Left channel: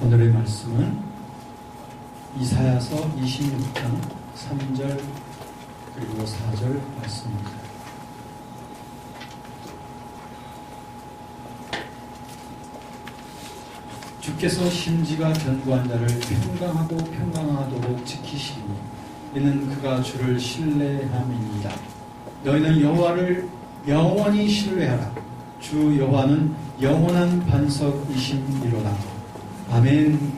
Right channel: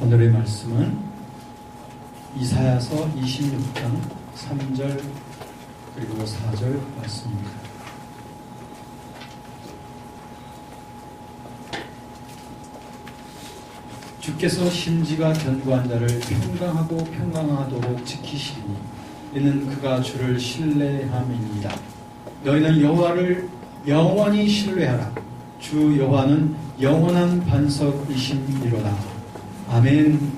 오늘의 말씀은 이사야서 26장 3절 그리고 4절 말씀입니다. 주께서 심지가 견고한 자를 평강하고 평강하도록 지키시리니 이는 그가 주를 신뢰함이니이다. 너희는 여호와를 영원히 신뢰하라. 주 여호와는 영원한 반석이심이로다. 아멘.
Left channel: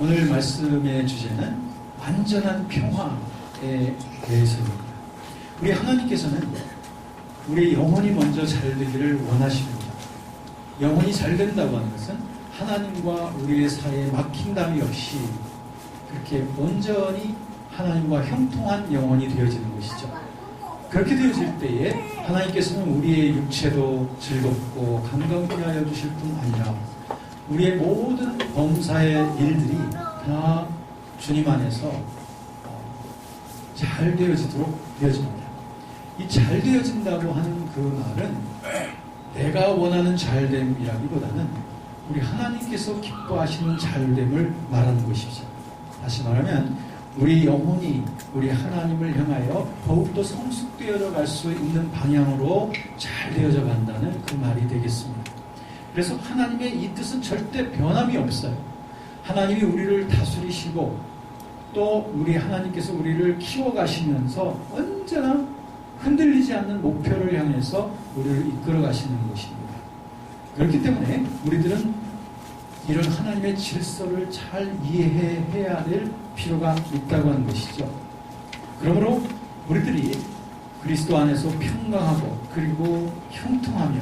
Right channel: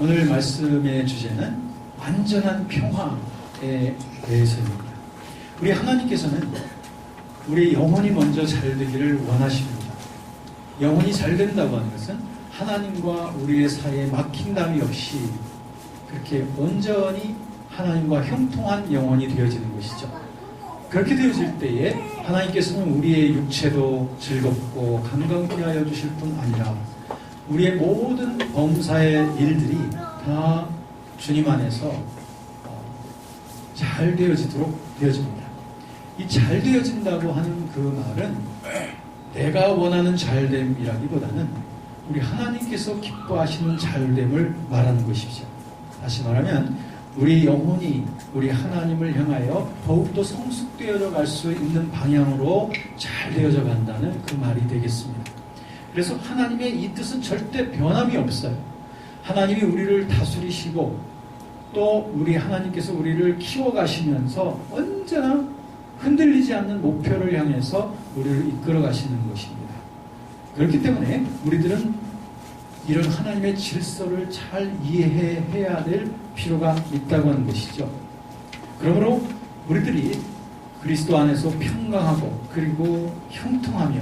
오늘 말씀의 주제는 완전한 평화에 대해서입니다. 우리 하나님께서는 우리 영혼이 먼저 잘 되기를 원하십니다. 영혼이 잘 된다고 하는 것은 하나님과 우리의 사이에 막힌담이 없이 그렇게 온전히 하나님과 형통한 영혼이 되어지는 것이죠. 그렇게 되어질 때에 하나님께서는 우리의 육체도 즐겁고 건강케 하여 주실 뿐 아니라 우리의 모든 범사의 일들이 다 주님 안에서 잘 되어지도록 되어집니다. 이 잘 되어진다고 하는 그 말은 내가 원하는 잘됨이라기보다는 우리 하나님께서 기뻐하시는 잘됨을 말하는 것이죠. 다시 말하면 우리 영혼이 우리 하나님을 향하여 더욱더 성숙되어져 갈 수 있는 방향으로 잘 되어져 간다는 그 말이 되겠습니다. 그래서 하나님의 이 뜻은 절대 변함이 없어요. 하나님이 우리를 다스리시고 또 우리 하나님께서 우리를 키워가시면서 언제나 흔들리지 않는 목표를 향해서 우리를 이끌어 가시는 것입니다. 그렇기 때문에 우리들은 이런 하나님의 질서를 잘 이해해야 될 필요가 있다고 하는 것이죠. 그러므로 우리들이 그리스도 안에서 평강하고 그리고 형통하며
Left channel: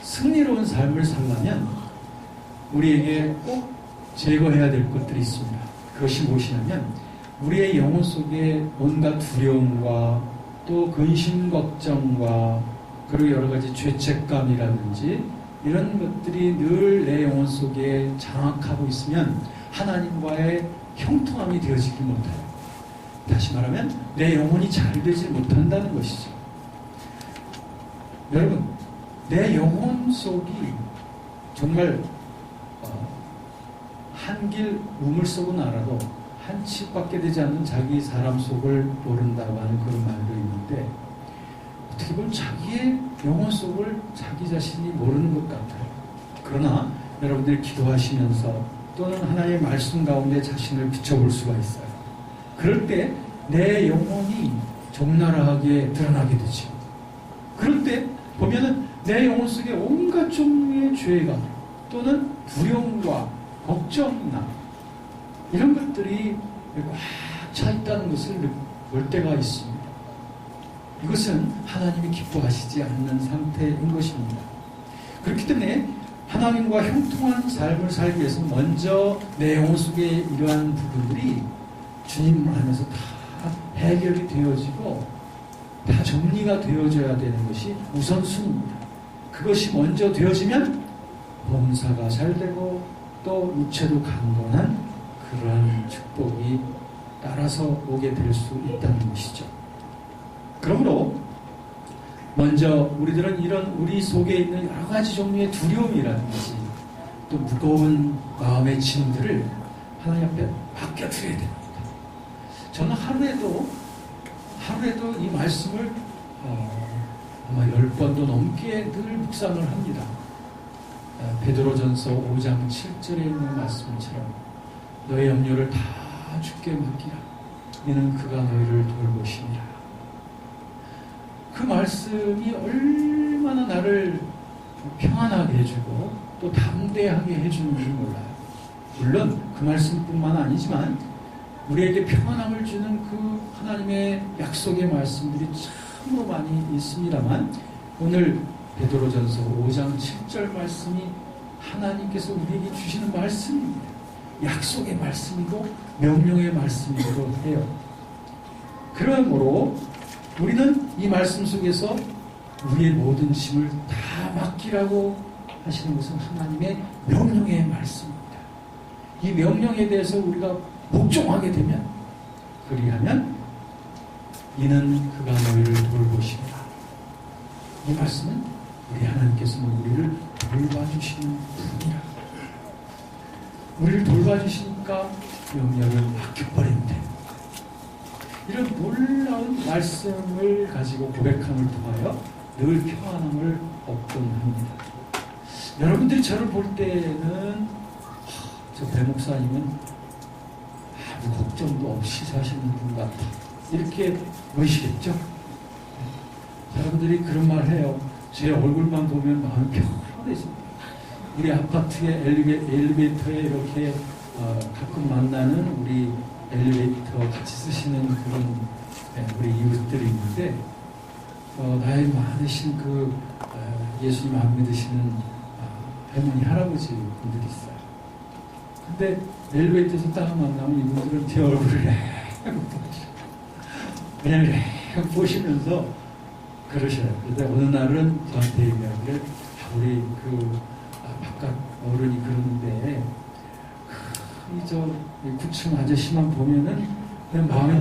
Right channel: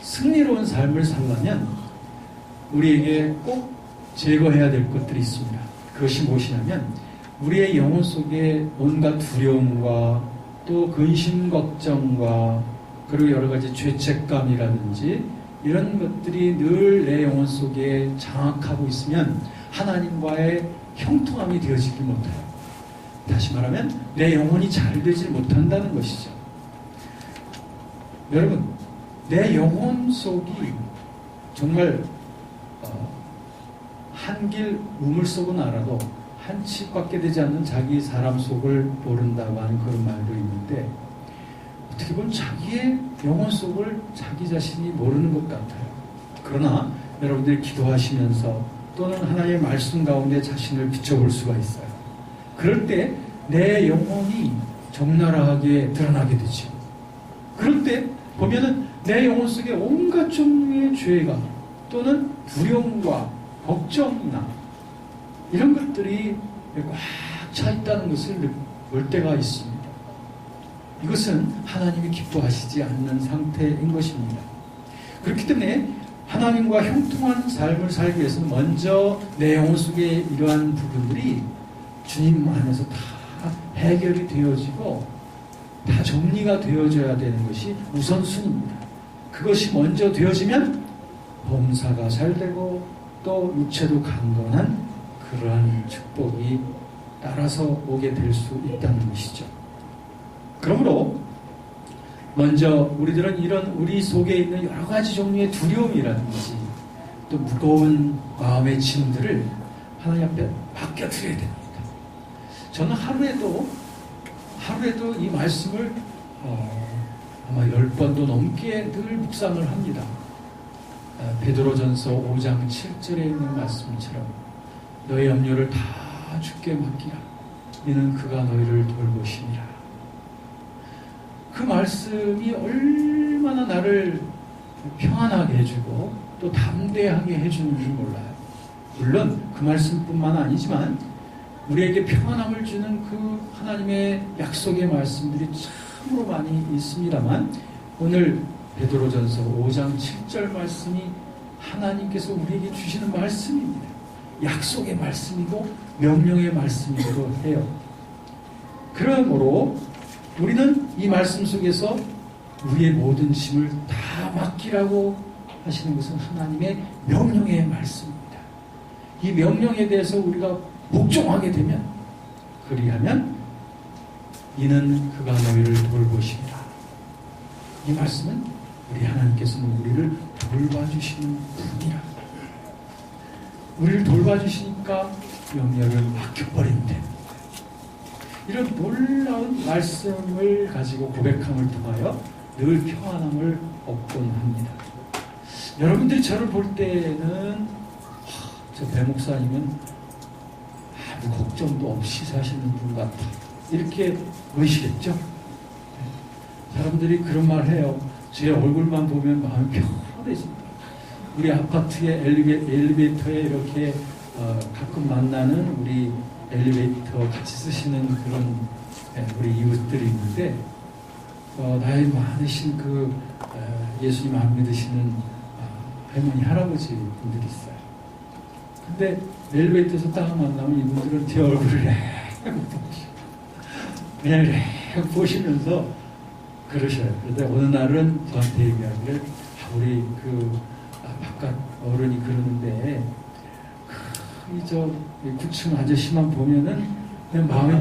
승리로운 삶을 살려면 우리에게 꼭 제거해야 될 것들이 있습니다. 그것이 무엇이냐면 우리의 영혼 속에 온갖 두려움과 또 근심 걱정과 그리고 여러 가지 죄책감이라든지 이런 것들이 늘 내 영혼 속에 장악하고 있으면 하나님과의 형통함이 되어지지 못해요. 다시 말하면 내 영혼이 잘 되지 못한다는 것이죠. 여러분, 내 영혼 속이 정말 한 길 우물속은 알아도 한 칩밖에 되지 않는 자기 사람 속을 모른다고 하는 그런 말도 있는데 어떻게 보면 자기의 영혼 속을 자기 자신이 모르는 것 같아요. 그러나 여러분들이 기도하시면서 또는 하나님의 말씀 가운데 자신을 비춰볼 수가 있어요. 그럴 때 내 영혼이 적나라하게 드러나게 되죠. 그럴 때 보면은 내 영혼 속에 온갖 종류의 죄가 또는 두려움과 걱정이나 이런 것들이 꽉 차 있다는 것을 볼 때가 있습니다. 이것은 하나님이 기뻐하시지 않는 상태인 것입니다. 그렇기 때문에 하나님과 형통한 삶을 살기 위해서는 먼저 내 영혼 속에 이러한 부분들이 주님 안에서 다 해결이 되어지고 다 정리가 되어져야 되는 것이 우선순위입니다. 그것이 먼저 되어지면 범사가 잘 되고 또 육체도 강건한 그러한 축복이 따라서 오게 될 수 있다는 것이죠. 그러므로 먼저 우리들은 이런 우리 속에 있는 여러 가지 종류의 두려움이라든지 또 무거운 마음의 짐들을 하나님 앞에 맡겨드려야 됩니다. 저는 하루에도 이 말씀을 아마 10번도 넘게 늘 묵상을 합니다. 베드로전서 5장 7절에 있는 말씀처럼 너의 염려를 다 주께 맡기라. 이는 그가 너희를 돌보시니라. 그 말씀이 얼마나 나를 평안하게 해주고 또 담대하게 해주는지 몰라요. 물론 그 말씀뿐만 아니지만 우리에게 평안함을 주는 그 하나님의 약속의 말씀들이 참으로 많이 있습니다만 오늘 베드로전서 5장 7절 말씀이 하나님께서 우리에게 주시는 말씀입니다. 약속의 말씀이고 명령의 말씀이기도 해요. 그러므로 우리는 이 말씀 속에서 우리의 모든 짐을 다 맡기라고 하시는 것은 하나님의 명령의 말씀입니다. 이 명령에 대해서 우리가 복종하게 되면 그리하면 이는 그가 너희를 돌보시리라. 이 말씀은 우리 하나님께서는 우리를 돌봐주시는 분이라. 우리를 돌봐주시니까 염려를 아껴버리면 됩니다. 이런 놀라운 말씀을 가지고 고백함을 통하여 늘 평안함을 얻곤 합니다. 여러분들이 저를 볼 때는 저 배 목사님은 아무 걱정도 없이 사시는 분 같아, 이렇게 보이시겠죠? 사람들이 그런 말 해요. 제 얼굴만 보면 마음이 평안해집니다. 우리 아파트의 엘리베이터에 이렇게 가끔 만나는 우리 엘리베이터 같이 쓰시는 그런 우리 이웃들이 있는데, 나이 많으신 예수님 안 믿으시는 할머니, 할아버지 분들이 있어요. 근데 엘리베이터에서 딱 만나면 이분들은 제 얼굴을 그냥 보시면서 그러셔요. 그런데 어느 날은 저한테 얘기하기를, 우리 바깥 어른이 그러는데, 저 9층 아저씨만 보면은 그냥 마음이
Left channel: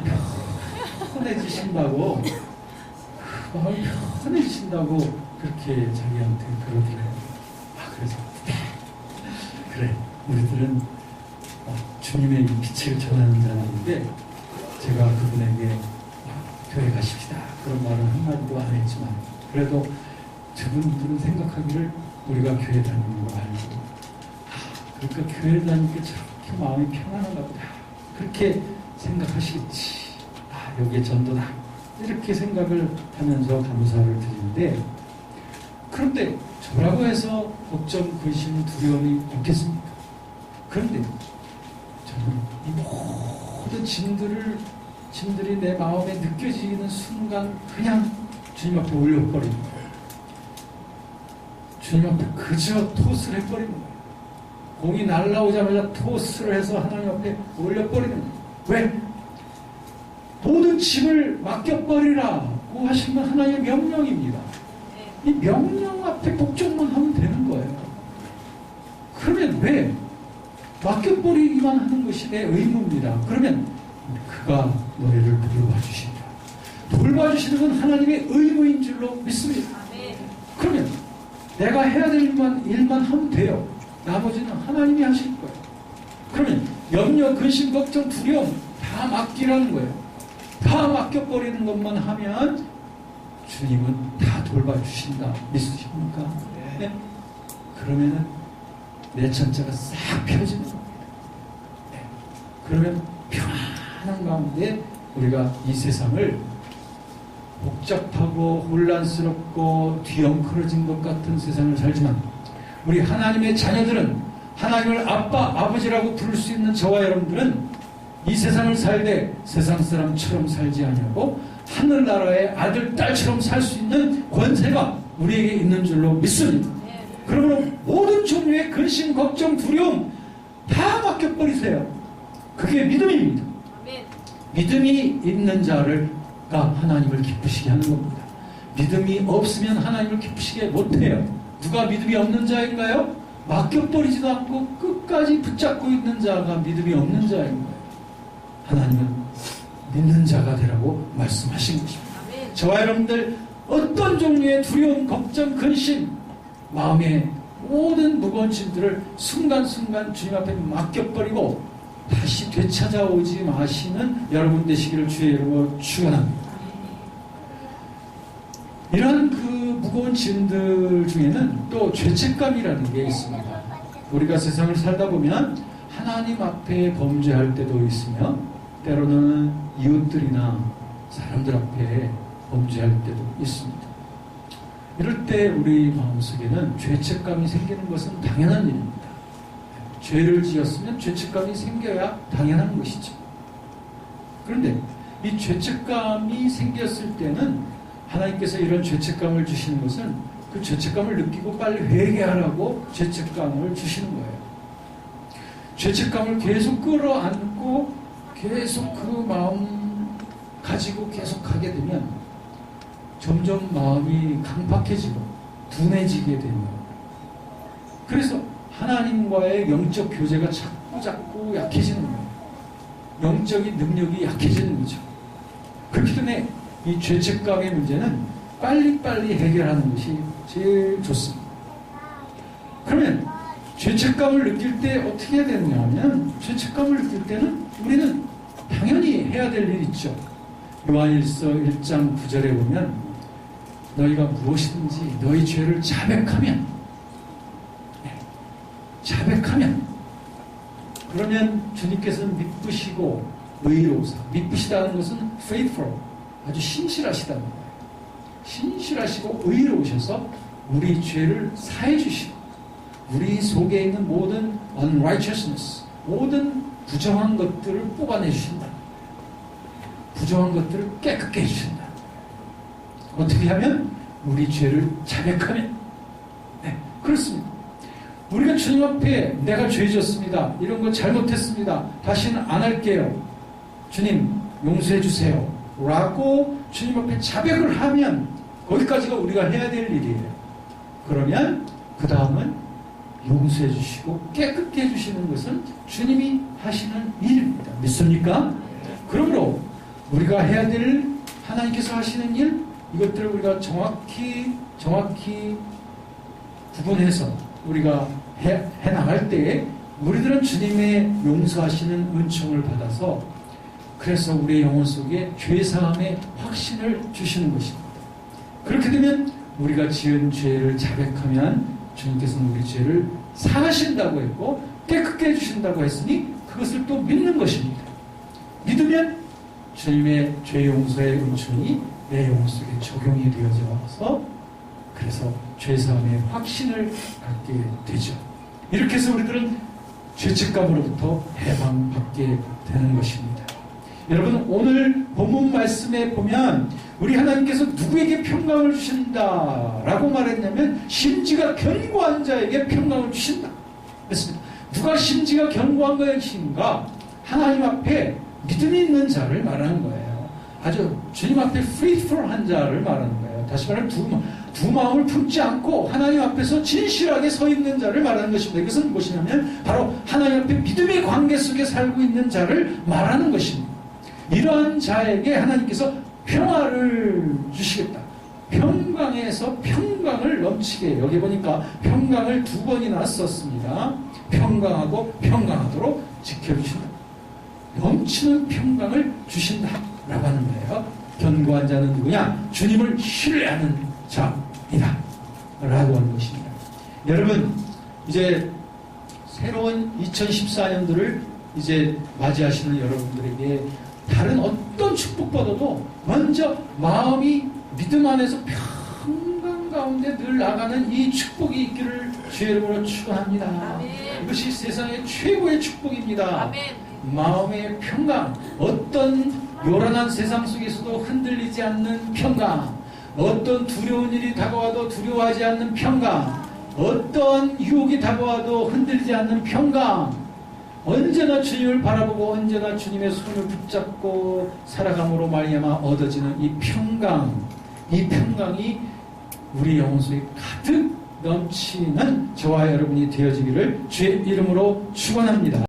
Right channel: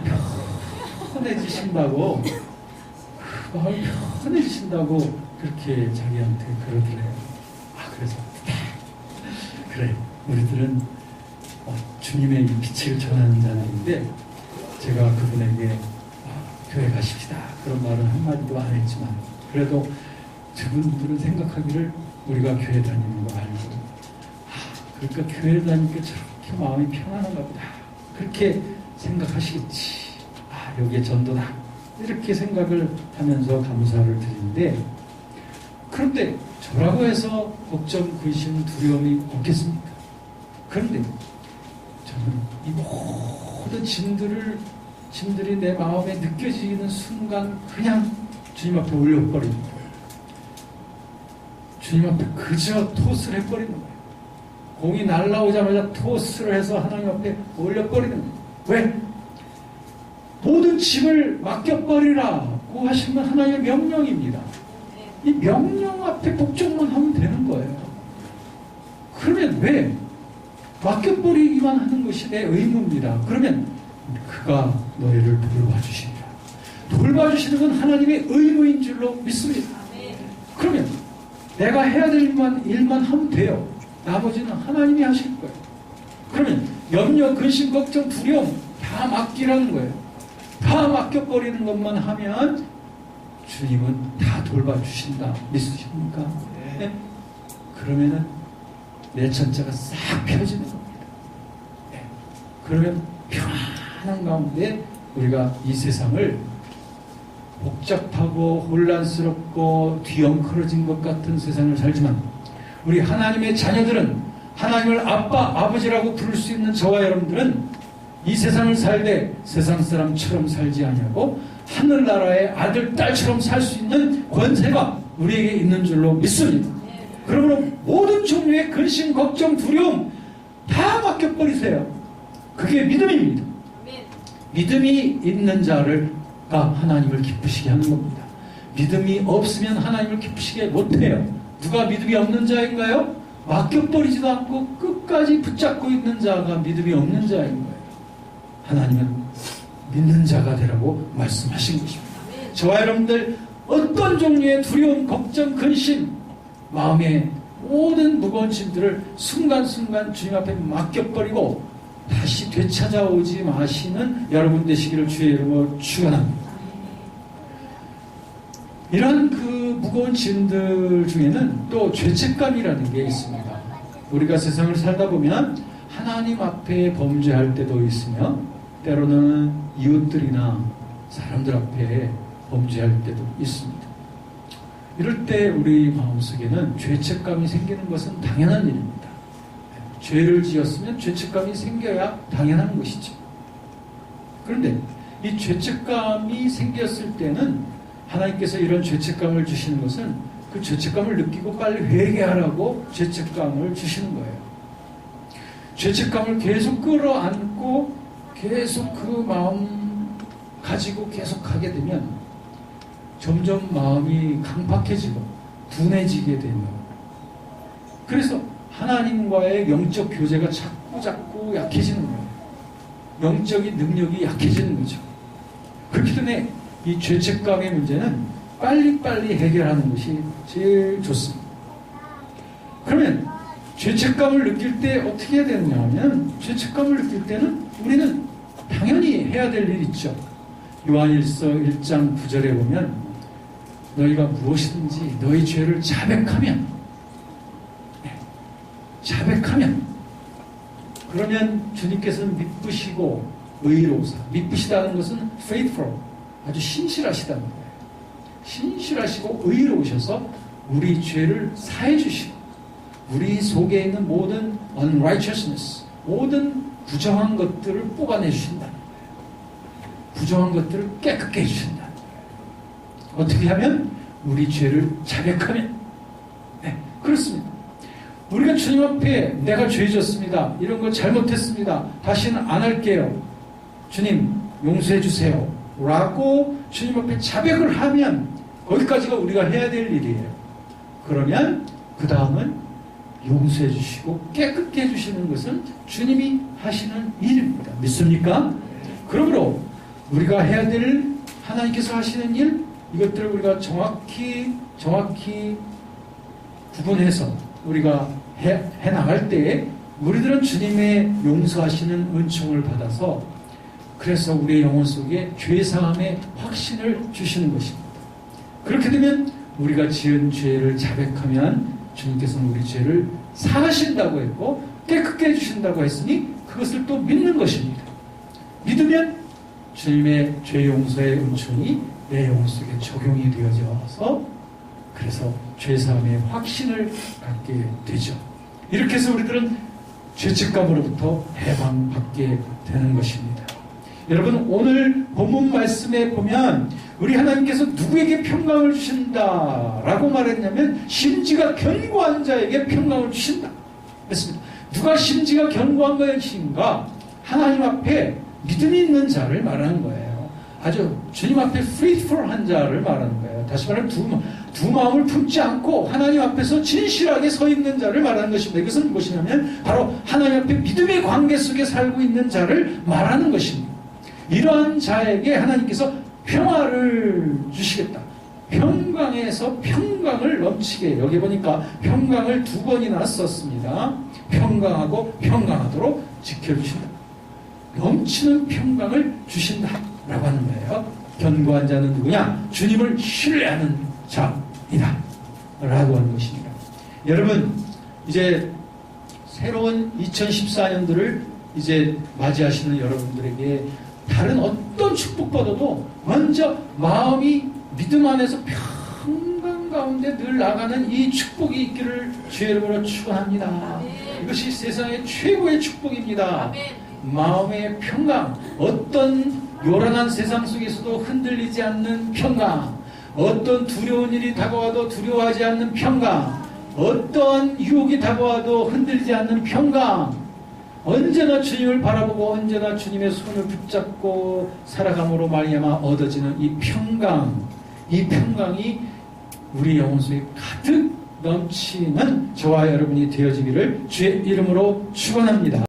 편해지신다고, 마음이 편해지신다고 그렇게 자기한테 그러더래요. 그래서 그래, 우리들은 주님의 빛을 전하는 자들인데, 제가 그분에게 교회 가십시다 그런 말은 한마디도 안 했지만, 그래도 저분들은 생각하기를 우리가 교회 다니는 거 알고, 그러니까 교회 다니니까 저렇게 마음이 편안한가 보다, 그렇게 생각하시겠지. 여기에 전도다, 이렇게 생각을 하면서 감사를 드리는데, 그런데 저라고 해서 걱정, 근심, 두려움이 없겠습니까? 그런데 저는 이 모든 짐들이 내 마음에 느껴지는 순간 그냥 주님 앞에 올려버립니다. 주님 앞에 그저 토스를 해버리는 거예요. 공이 날라오자마자 토스를 해서 하나님 앞에 올려버리는 거예요. 왜? 모든 짐을 맡겨버리라고 하시면 하나님의 명령입니다. 이 명령 앞에 복종만 하면 되는 거예요. 그러면 왜? 맡겨버리기만 하는 것이 내 의무입니다. 그러면 그가 너희를 돌봐주신다. 돌봐주시는 건 하나님의 의무인 줄로 믿습니다. 그러면 내가 해야 될 일만 하면 돼요. 나머지는 하나님이 하실 거예요. 그러면 염려, 근심, 걱정, 두려움 다 맡기라는 거예요. 다 맡겨버리는 것만 하면 주님은 다 돌봐주신다. 믿으십니까? 네. 그러면은 내 천자가 싹 펴지는 겁니다. 네. 그러면 평안한 가운데 우리가 이 세상을 복잡하고 혼란스럽고 뒤엉클어진 것 같은 세상을 살지만, 우리 하나님의 자녀들은, 하나님을 아빠, 아버지라고 부를 수 있는 저와 여러분들은 이 세상을 살되 세상 사람처럼 살지 아니하고 하늘나라의 아들, 딸처럼 살 수 있는 권세가 우리에게 있는 줄로 믿습니다. 그러므로 모든 종류의 근심, 걱정, 두려움 다 맡겨버리세요. 그게 믿음입니다. 믿음이 있는 자가 하나님을 기쁘시게 하는 겁니다. 믿음이 없으면 하나님을 기쁘시게 못해요. 누가 믿음이 없는 자인가요? 맡겨버리지도 않고 끝까지 붙잡고 있는 자가 믿음이 없는 자인 거예요. 하나님은 믿는 자가 되라고 말씀하신 것입니다. 저와 여러분들 어떤 종류의 두려움, 걱정, 근심, 마음의 모든 무거운 짐들을 순간순간 주님 앞에 맡겨버리고 다시 되찾아오지 마시는 여러분 되시기를 주의 이름으로 축원합니다. 이런 무거운 짐들 중에는 또 죄책감이라는 게 있습니다. 우리가 세상을 살다 보면 하나님 앞에 범죄할 때도 있으며, 때로는 이웃들이나 사람들 앞에 범죄할 때도 있습니다. 이럴 때 우리 마음속에는 죄책감이 생기는 것은 당연한 일입니다. 죄를 지었으면 죄책감이 생겨야 당연한 것이죠. 그런데 이 죄책감이 생겼을 때는 하나님께서 이런 죄책감을 주시는 것은 그 죄책감을 느끼고 빨리 회개하라고 죄책감을 주시는 거예요. 죄책감을 계속 끌어안고 계속 그 마음 가지고 계속 가게 되면 점점 마음이 강팍해지고 둔해지게 되며, 그래서 하나님과의 영적 교제가 자꾸 약해지는 거예요. 영적인 능력이 약해지는 거죠. 그렇기 때문에 이 죄책감의 문제는 빨리빨리 해결하는 것이 제일 좋습니다. 그러면 죄책감을 느낄 때 어떻게 해야 되느냐 하면, 죄책감을 느낄 때는 우리는 당연히 해야 될 일 있죠. 요한일서 1장 9절에 보면 너희가 무엇이든지 너희 죄를 자백하면 그러면 주님께서는 미쁘시고 의로우사, 미쁘시다는 것은 faithful, 아주 신실하시다는 거예요. 신실하시고 의로우셔서 우리 죄를 사해 주시고 우리 속에 있는 모든 unrighteousness, 모든 부정한 것들을 뽑아내 주신다. 부정한 것들을 깨끗게 해주신다. 어떻게 하면? 우리 죄를 자백하면. 네, 그렇습니다. 우리가 주님 앞에 내가 죄 졌습니다. 이런 거 잘못했습니다. 다시는 안 할게요. 주님 용서해 주세요. 라고 주님 앞에 자백을 하면 거기까지가 우리가 해야 될 일이에요. 그러면 그 다음은 용서해 주시고 깨끗게 해주시는 것은 주님이 하시는 일입니다. 믿습니까? 그러므로 우리가 해야 될 하나님께서 하시는 일, 이것들을 우리가 정확히 구분해서 우리가 해 나갈 때에 우리들은 주님의 용서하시는 은총을 받아서 그래서 우리의 영혼 속에 죄사함의 확신을 주시는 것입니다. 그렇게 되면 우리가 지은 죄를 자백하면 주님께서는 우리 죄를 사하신다고 했고 깨끗게 해주신다고 했으니 그것을 또 믿는 것입니다. 믿으면 주님의 죄 용서의 은총이 내 영혼 속에 적용이 되어져서 그래서 죄사함의 확신을 갖게 되죠. 이렇게 해서 우리들은 죄책감으로부터 해방받게 되는 것입니다. 여러분, 오늘 본문 말씀에 보면 우리 하나님께서 누구에게 평강을 주신다라고 말했냐면 심지가 견고한 자에게 평강을 주신다. 그렇습니다. 누가 심지가 견고한 것인가? 하나님 앞에 믿음이 있는 자를 말하는 거예요. 아주 주님 앞에 faithful한 자를 말하는 거예요. 다시 말하면 두 마음을 품지 않고 하나님 앞에서 진실하게 서 있는 자를 말하는 것입니다. 이것은 무엇이냐면 바로 하나님 앞에 믿음의 관계 속에 살고 있는 자를 말하는 것입니다. 이러한 자에게 하나님께서 평화를 주시겠다. 평강에서 평강을 넘치게, 여기 보니까 평강을 2번이나 썼습니다. 평강하고 평강하도록 지켜주신다. 넘치는 평강을 주신다 라고 하는 거예요. 견고한 자는 누구냐? 주님을 신뢰하는 자이다 라고 하는 것입니다. 여러분, 이제 새로운 2014년도를 이제 맞이하시는 여러분들에게 다른 어떤 축복보다도 먼저 마음이 믿음 안에서 평강 가운데 늘 나가는 이 축복이 있기를 주의 이름으로 축원합니다. 아멘. 이것이 세상의 최고의 축복입니다. 아멘. 마음의 평강, 어떤 요란한 세상 속에서도 흔들리지 않는 평강, 어떤 두려운 일이 다가와도 두려워하지 않는 평강, 어떤 유혹이 다가와도 흔들리지 않는 평강, 언제나 주님을 바라보고 언제나 주님의 손을 붙잡고 살아감으로 말미암아 얻어지는 이 평강이 우리 영혼 속에 가득 넘치는 저와 여러분이 되어지기를 주의 이름으로 축원합니다.